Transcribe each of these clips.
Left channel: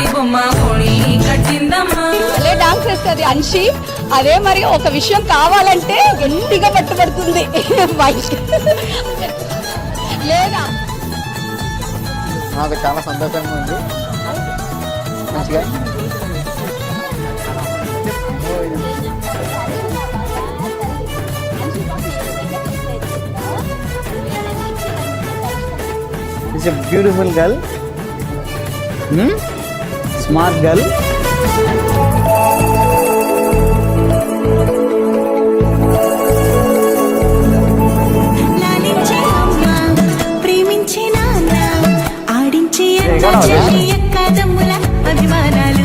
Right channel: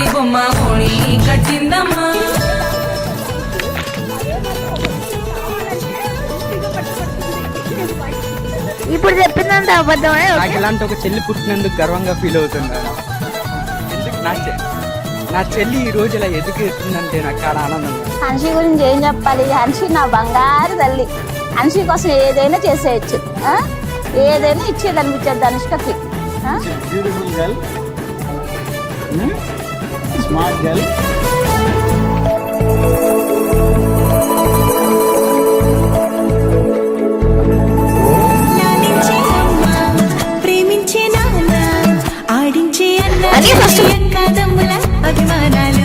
పైడి బొమ్మ ఓణి కట్టిందమ్మా. అదే డాన్స్ చేస్తుంది అన్షి. అదే మరి ఒక విషయం కావాలంటే గట్టిగా పట్టుబడుతుంది. ఇప్పుడు చెప్పిందంటే అబద్ధమే. ఇలాంటి ఒక చెల్లి పుట్టినందుకు గర్వంగా ఫీల్ అవుతుంది. చాలా సంతోషంగా ఉంది. నా చెల్లి ఈ రోజు ఇలా ఎదిగేస్తుందంటే నాకు చాలా ఆనందం. హన్షి గురించి ఏం చెప్పాలి? హన్షి నా బంగారు తల్లి. హన్షి కోసం ఏదైనా చేసేయచ్చు, ఏదైనా ఇచ్చేది అనిపించద్దు అనుష్కకి. Beautiful girl, smart girl. అభిమానాలు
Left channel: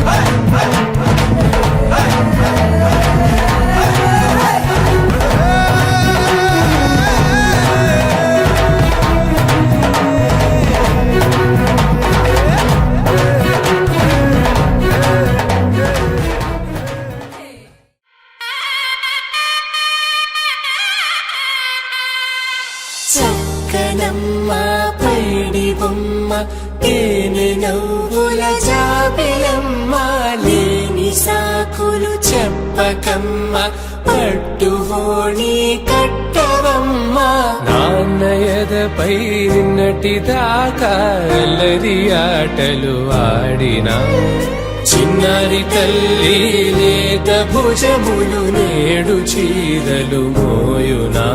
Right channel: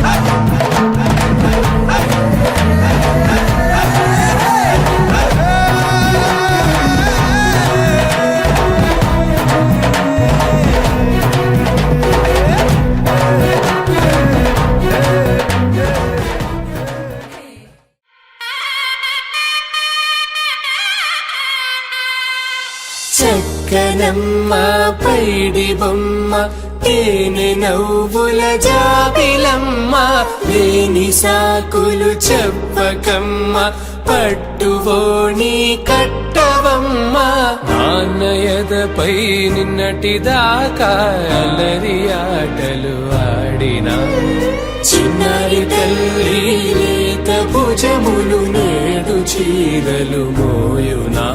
చక్కనమ్మ పైడి బొమ్మ తేనె నవ్వుల జాబిలమ్మ లేని సాకులు చెప్పకమ్మ పట్టువోణి కట్టవమ్మ నాన్నయదపై నిన్నటిదాకా అల్లరి ఆటలు ఆడినా చిన్నారి తల్లి లేత భుజములు నేడు చీరలు మోయునా